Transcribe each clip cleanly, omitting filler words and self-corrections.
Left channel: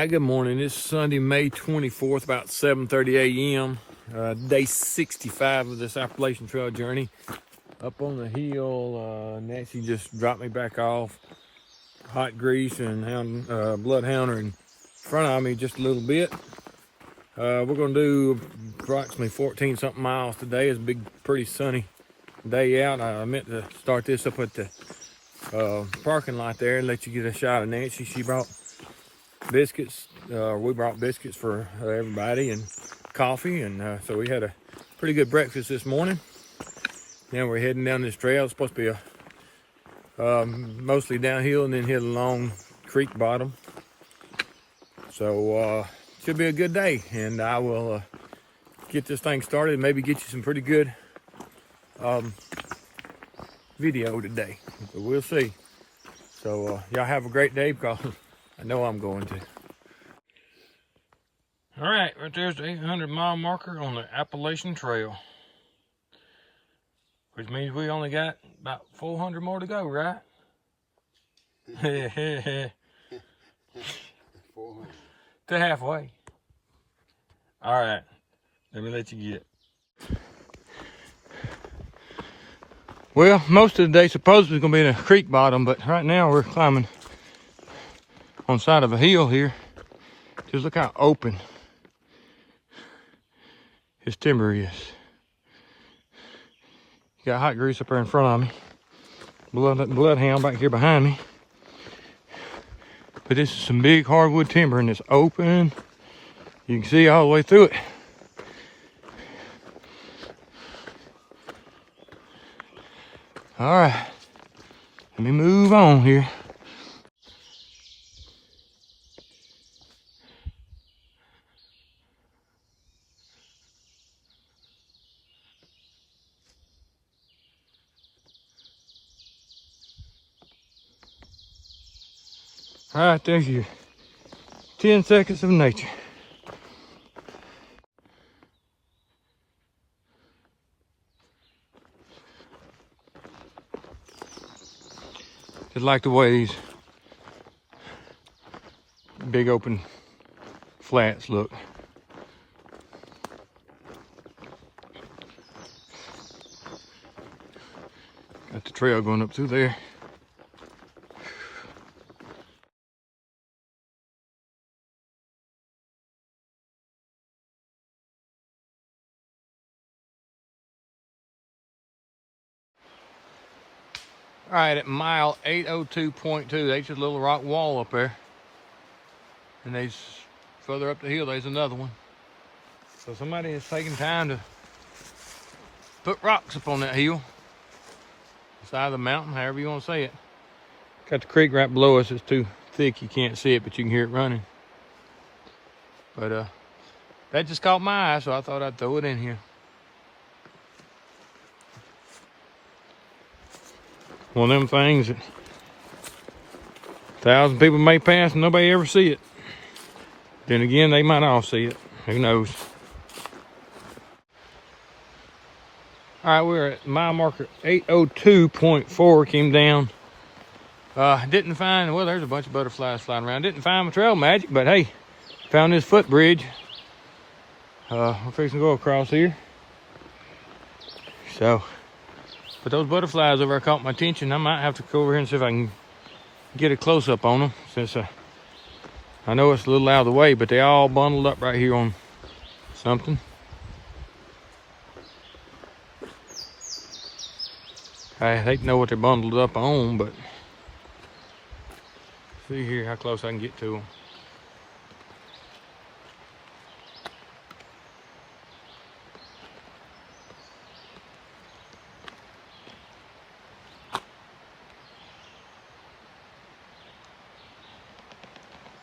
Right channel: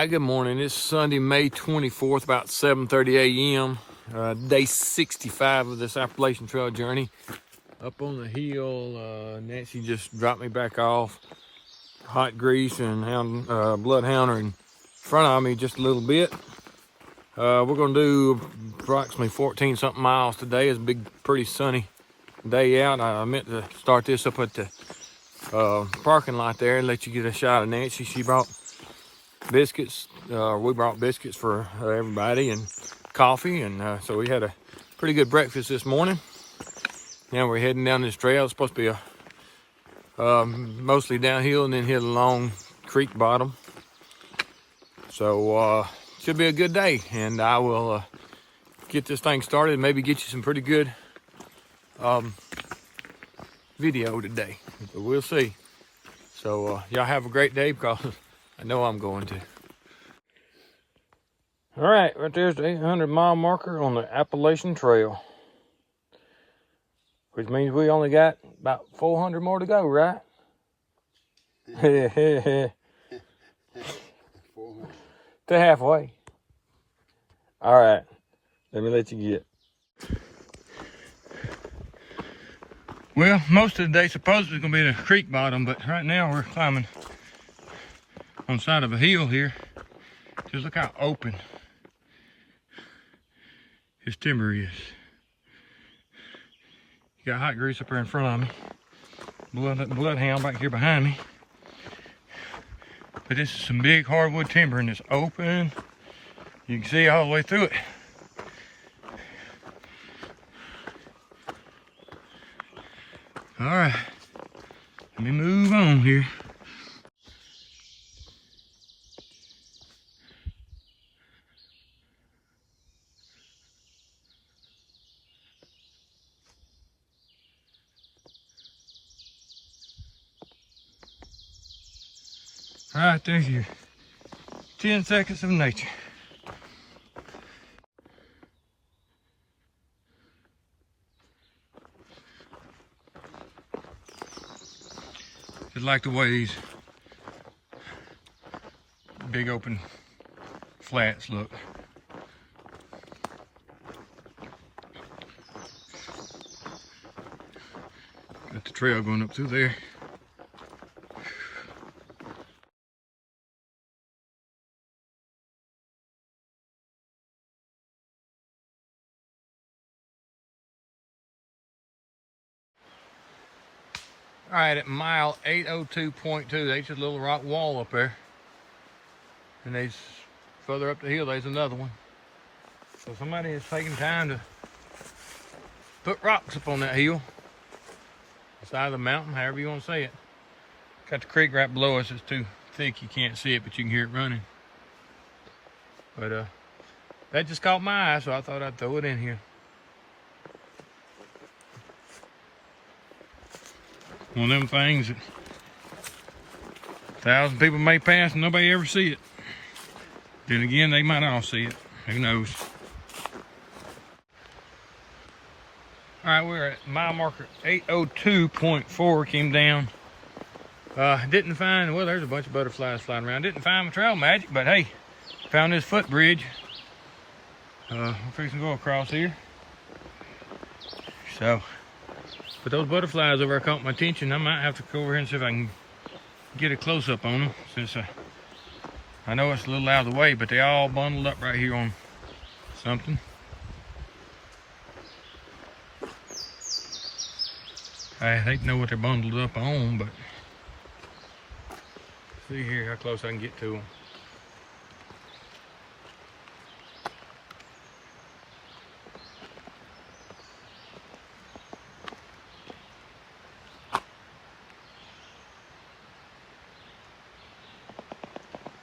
right, good morning. It's Sunday, May 24th, about 7:30 a.m. Day 65 of this Appalachian Trail journey. Up on the hill, Nancy just dropped me back off. Hot grease and bloodhound are in front of me just a little bit. We're gonna do approximately 14 something miles today. It's a big, pretty sunny day out. I meant to start this up at the parking lot there and let you get a shot of Nancy. She brought biscuits. We brought biscuits for everybody and coffee, and so we had a pretty good breakfast this morning. Now we're heading down this trail. It's supposed to be a mostly downhill and then hit a long creek bottom. So should be a good day, and I will get this thing started and maybe get you some pretty good video today. So we'll see. So y'all have a great day, because I know I'm going to. All right, right there's the 800-mile marker on the Appalachian Trail, which means we only got about 400 more to go, right? 400. To halfway. All right, let me let you get. Well, most of the day supposedly is going to be in a creek bottom, but right now we're climbing on the side of a hill here. Just look how open his timber is. Got hot grease up there in front of me. Bloodhound back here behind me. But this is some big hardwood timber, and it's open. You can see all the way through it. All right, let me move on here. All right, there's your 10 seconds of nature. Just like the way these big open flats look. Got the trail going up through there. All right, at mile 802.2, there's just a little rock wall up there. And there's further up the hill, there's another one. So somebody is taking time to put rocks up on that hill. The side of the mountain, however you want to say it. Got the creek right below us. It's too thick, you can't see it, but you can hear it running. But that just caught my eye, so I thought I'd throw it in here. One of them things that 1,000 people may pass and nobody ever see it. Then again, they might all see it. Who knows? All right, we're at mile marker 802.4. Came down. Didn't find, well, there's a bunch of butterflies flying around. Didn't find my trail magic, but hey, found this footbridge. I'm fixing to go across here. So, but those butterflies over there caught my attention. I might have to go over here and see if I can get a close-up on them, since I know it's a little out of the way, but they all bundled up right here on something. I hate to know what they're bundled up on, but see here how close I can get to them.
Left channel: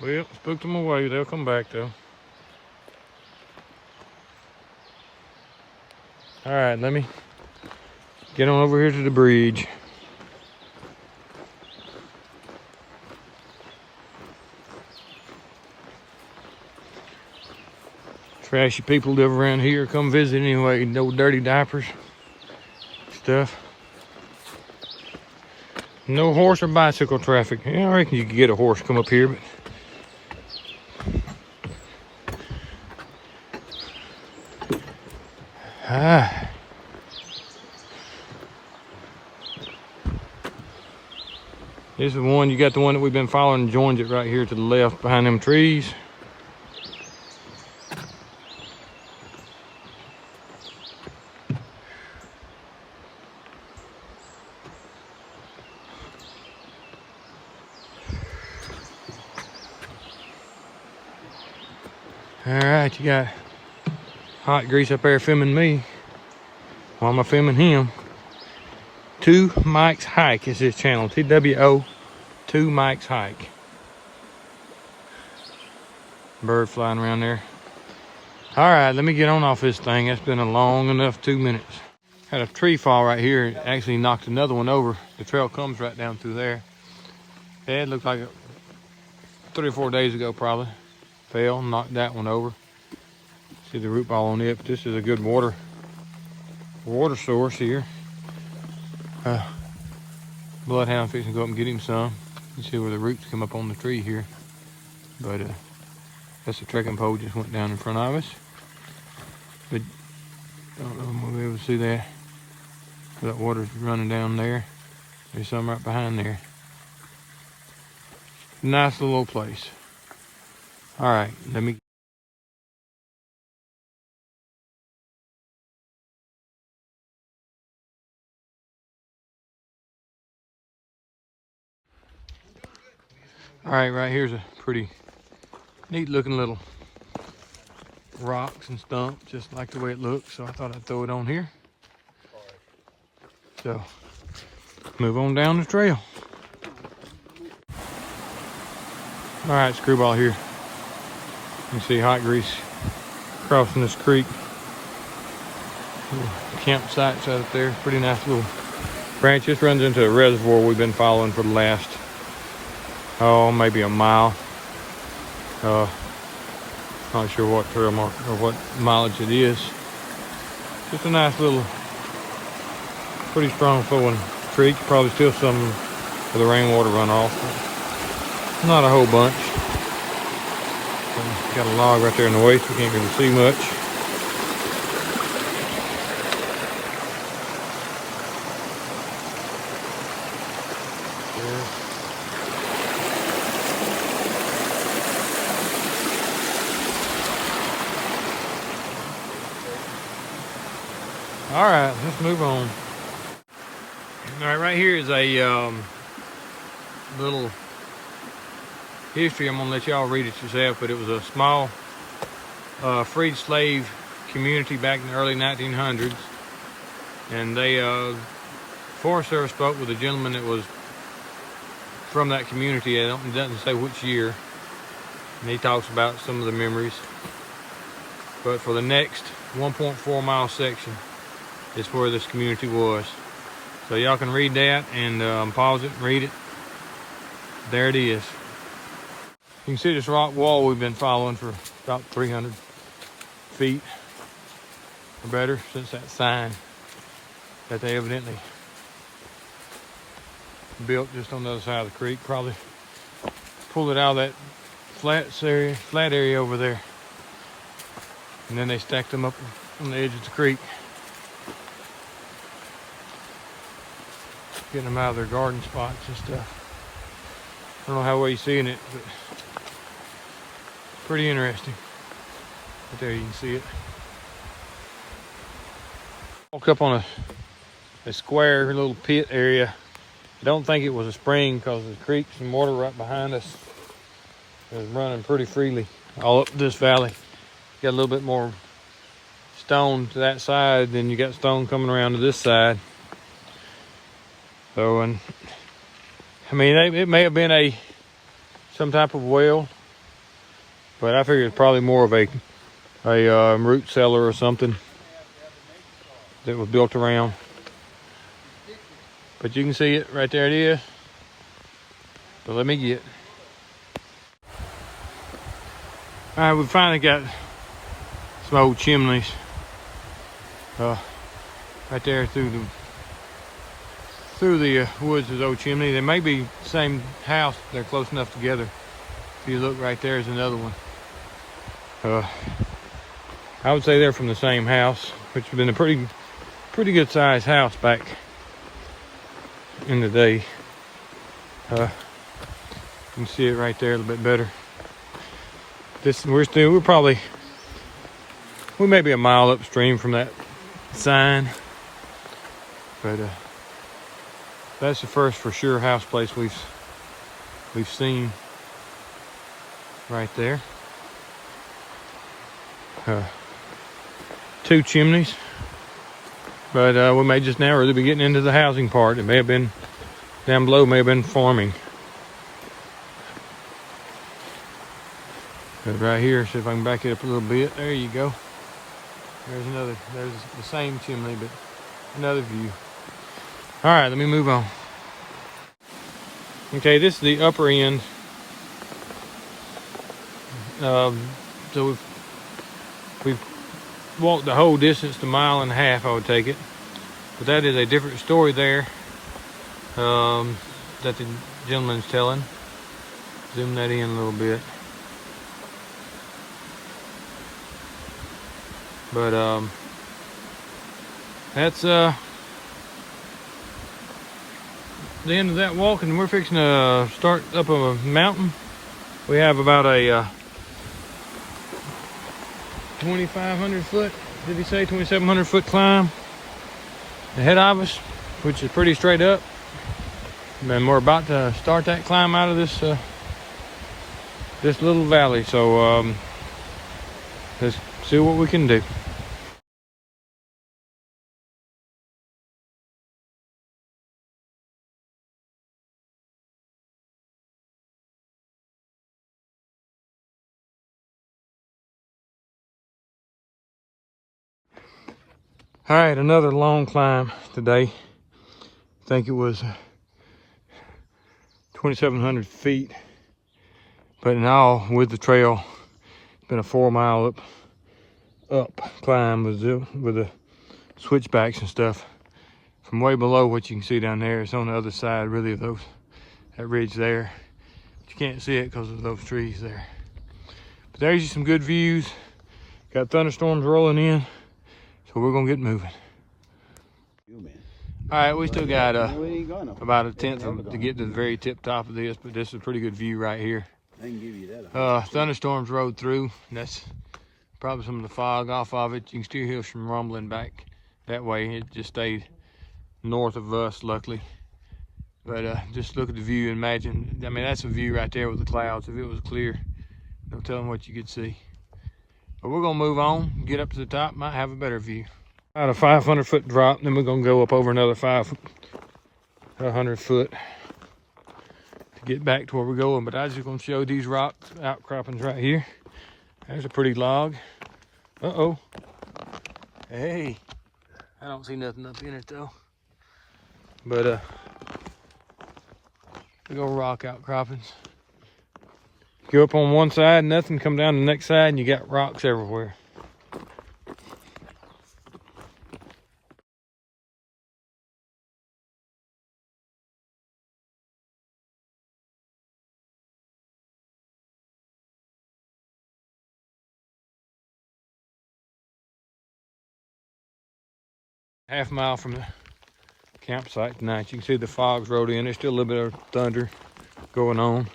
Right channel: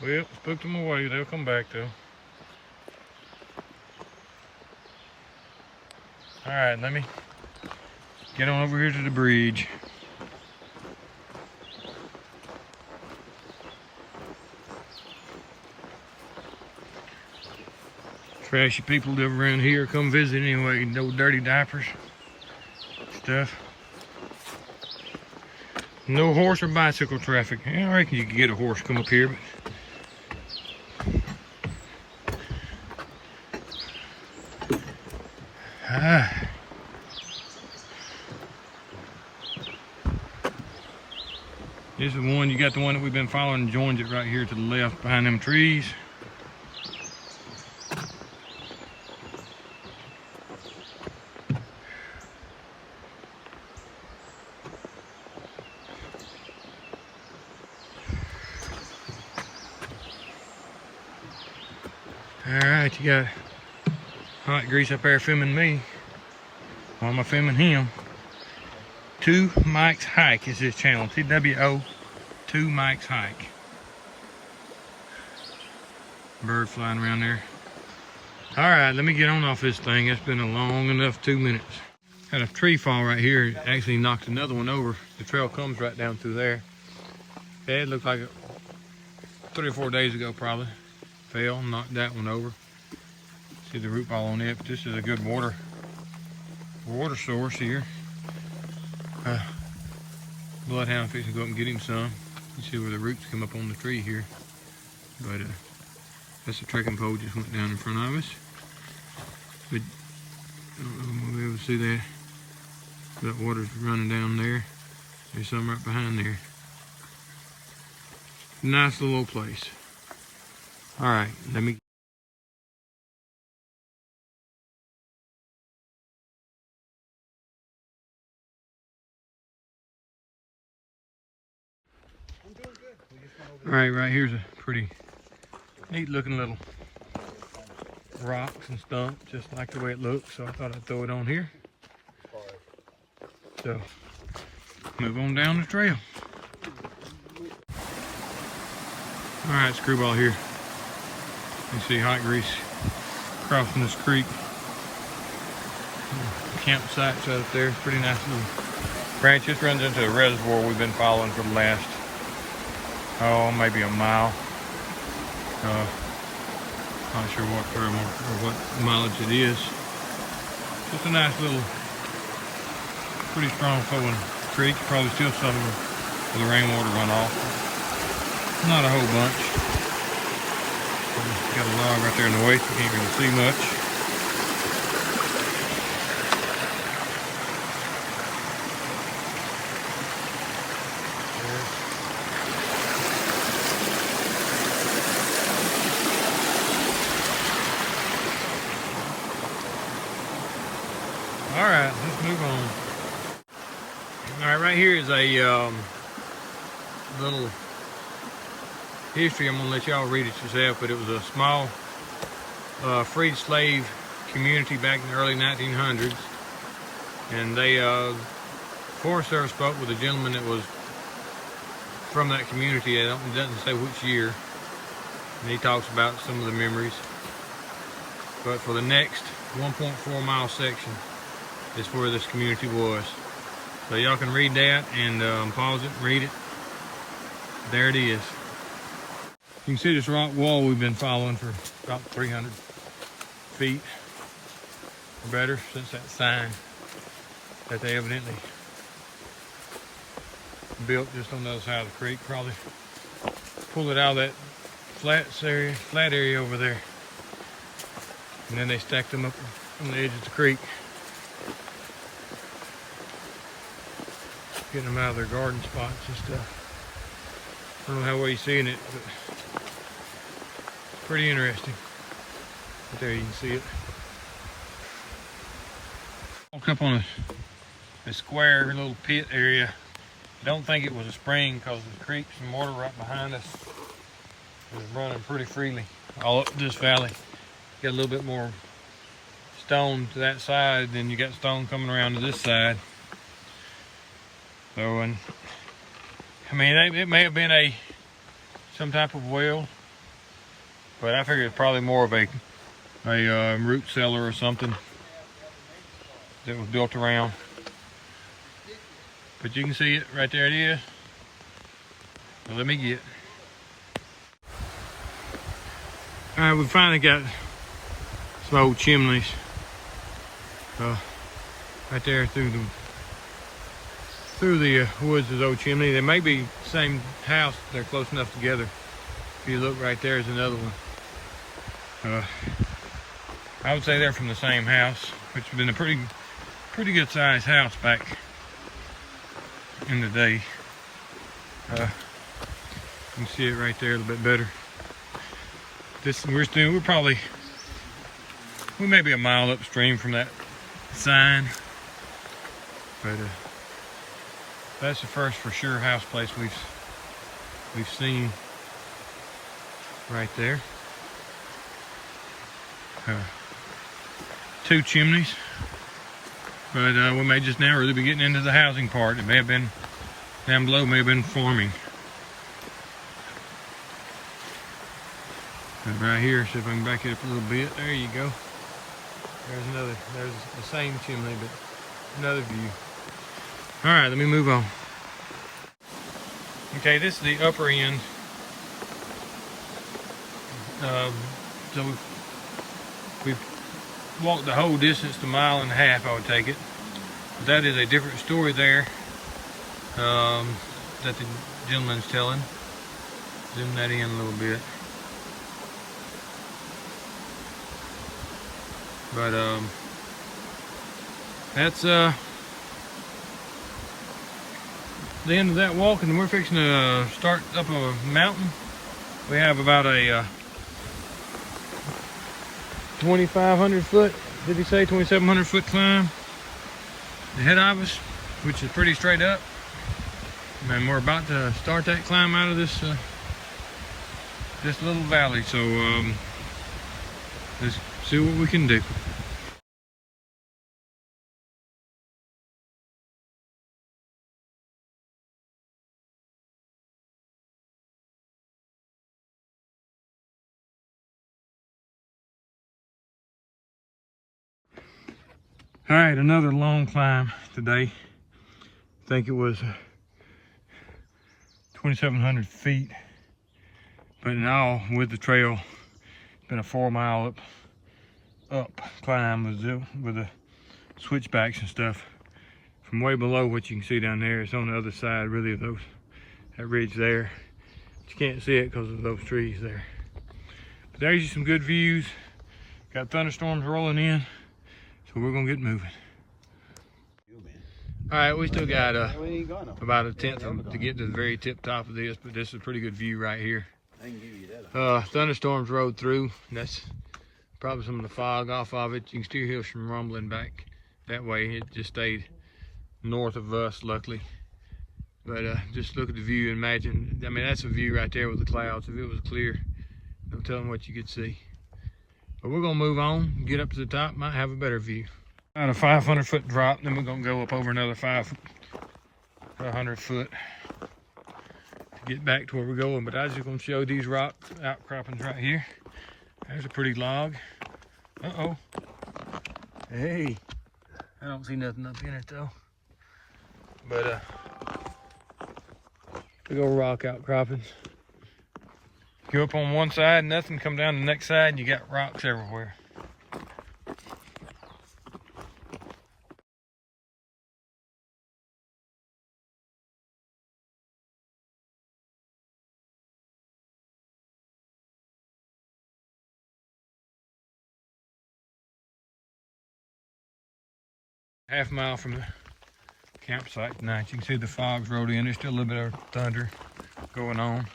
Well, spooked them away. They'll come back though. All right, let me get on over here to the bridge. Trashy people live around here, come visit anyway, no dirty diapers stuff. No horse or bicycle traffic. Yeah, I reckon you could get a horse come up here, but This is one, you got the one that we've been following, joins it right here to the left behind them trees. All right, you got Hot Grease up there filming me while I'm filming him. 2 Mike's Hike is his channel. TWO 2 Mike's Hike. Bird flying around there. All right, let me get on off this thing. That's been a long enough 2 minutes. Had a tree fall right here. It actually knocked another one over. The trail comes right down through there. Yeah, it looked like it 3 or 4 days ago probably. Fell, knocked that one over. See the root ball on it, but this is a good water source here. Bloodhound fixing to go up and get him some. You see where the roots come up on the tree here. But that's a trekking pole just went down in front of us. But I don't know if we'll be able to see that. That water's running down there. There's some right behind there. Nice little old place. All right, let me. All right, right here's a pretty neat looking little rocks and stump, just like the way it looks. So I thought I'd throw it on here. So move on down the trail. All right, screwball here. You see Hot Grease crossing this creek. Campsites out there. Pretty nice little branch. This runs into a reservoir we've been following for the last, maybe a mile. Not sure what trail mark or what mileage it is. Just a nice little, pretty strong flowing creek. Probably still some of the rainwater runoff. Not a whole bunch. Got a log right there in the way, so you can't really see much. All right, let's move on. All right, right here is a little history. I'm gonna let y'all read it yourself, but it was a small freed slave community back in the early 1900s, and they Forest Service spoke with a gentleman that was from that community. It doesn't say which year, and he talks about some of the memories. But for the next 1.4 mile section is where this community was. So y'all can read that and pause it and read it. There it is. You can see this rock wall we've been following for about 300 feet or better since that sign that they evidently built just on the other side of the creek. Probably pulled it out of that flat area over there. And then they stacked them up on the edge of the creek. Getting them out of their garden spots and stuff. I don't know how well you're seeing it, but pretty interesting. But there you can see it. Walked up on a square little pit area. I don't think it was a spring because the creeks and water right behind us is running pretty freely all up this valley. Got a little bit more stone to that side than you got stone coming around to this side. So, and I mean, it may have been some type of well, but I figure it's probably more of a root cellar or something that was built around. But you can see it right there. It is. So let me get. All right, we finally got some old chimneys right there through the woods. Is old chimney. They may be the same house. They're close enough together. If you look right there is another one. I would say they're from the same house, which has been a pretty good sized house back in the day. You can see it right there a little bit better. We may be a mile upstream from that sign, but that's the first for sure house place we've seen right there. 2 chimneys, but we may just now really be getting into the housing part. It may have been down below, may have been farming. But right here, see if I can back it up a little bit. There you go. There's the same chimney, but another view. All right, let me move on. Okay, this is the upper end. So we've walked the whole distance to 1.5 miles, I would take it. But that is a different story there that the gentleman's telling. Zoom that in a little bit. But that's the end of that walk, and we're fixing to start up a mountain. We have about a 2,500 foot, did he say 2,700 foot climb ahead of us, which is pretty straight up. And then we're about to start that climb out of this little valley. So let's see what we can do. All right, another long climb today. I think it was 2,700 feet, but in all, with the trail, it's been a 4 mile up climb with the switchbacks and stuff. From way below, what you can see down there, it's on the other side really of that ridge there. But you can't see it because of those trees there. But there's some good views. Got thunderstorms rolling in. So we're gonna get moving. All right, we still got about a tenth to get to the very tip top of this, but this is a pretty good view right here. I can give you that. Thunderstorms rode through. That's probably some of the fog off of it. You can still hear some rumbling back that way. It just stayed north of us, luckily. But just look at the view and imagine. I mean, that's a view right there with the clouds. If it was clear, no telling what you could see. But we're gonna move on, get up to the top, might have a better view. About a 500 foot drop, then we're gonna go up over another 500 foot to get back to where we're going. But I was just gonna show these rock outcroppings right here. There's a pretty log. Uh-oh. Hey, I don't see nothing up in it though. But big old rock outcroppings. Go up on one side, nothing, come down the next side, and you got rocks everywhere. Half mile from the campsite tonight. You can see the fog's rolled in. There's still a little bit of thunder going on.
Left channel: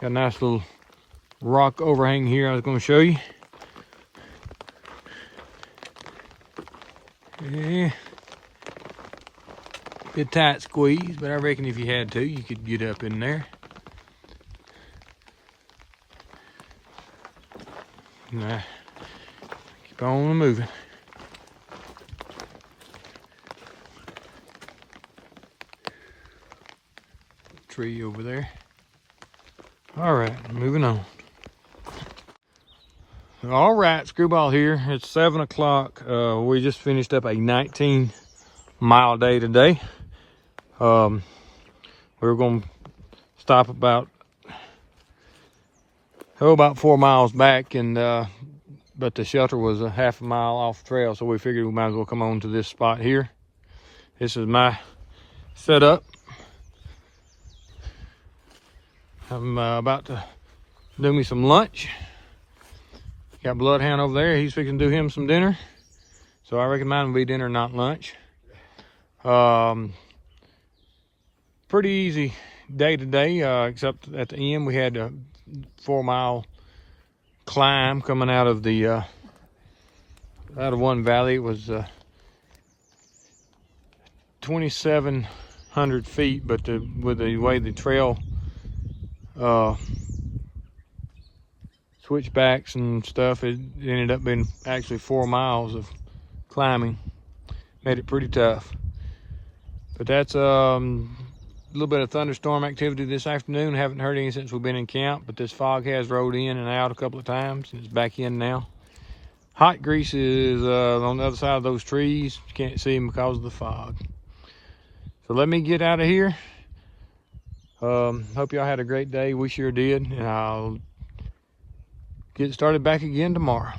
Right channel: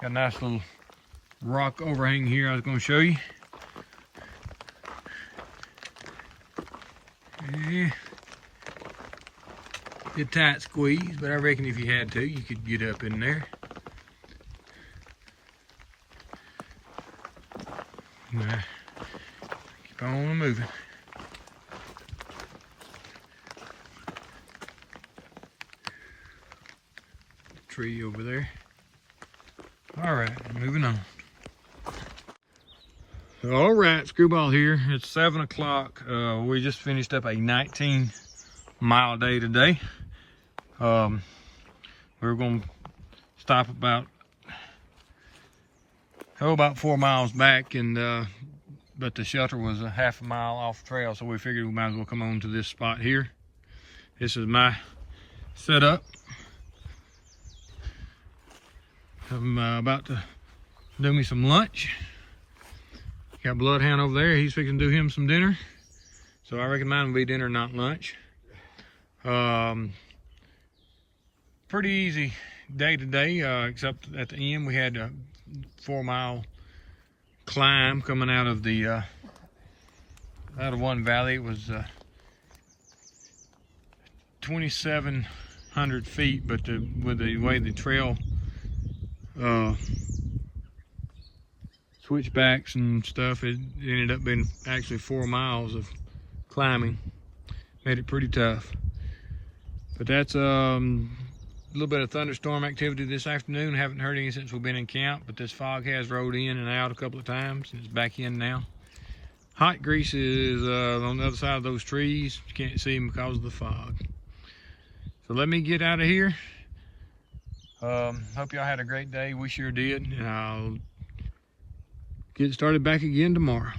Got a nice little rock overhang here I was going to show you. Yeah. Good tight squeeze, but I reckon if you had to, you could get up in there. Nah. Keep on moving. Tree over there. All right, moving on. All right, Screwball here. It's 7 o'clock. We just finished up a 19-mile day today. We were going to stop about 4 miles back, and but the shelter was a half a mile off trail, so we figured we might as well come on to this spot here. This is my setup. I'm about to do me some lunch. Got Bloodhound over there. He's fixing to do him some dinner. So I reckon mine will be dinner, not lunch. Pretty easy day today, except at the end we had a 4-mile climb coming out of the out of one valley. It was 2,700 feet, but with the way the trail switchbacks and stuff, it ended up being actually 4 miles of climbing. Made it pretty tough. But that's a little bit of thunderstorm activity this afternoon. Haven't heard any since we've been in camp, but this fog has rolled in and out a couple of times. It's back in now. Hot grease is on the other side of those trees. You can't see them because of the fog. So let me get out of here. Hope y'all had a great day. We sure did. And I'll get started back again tomorrow.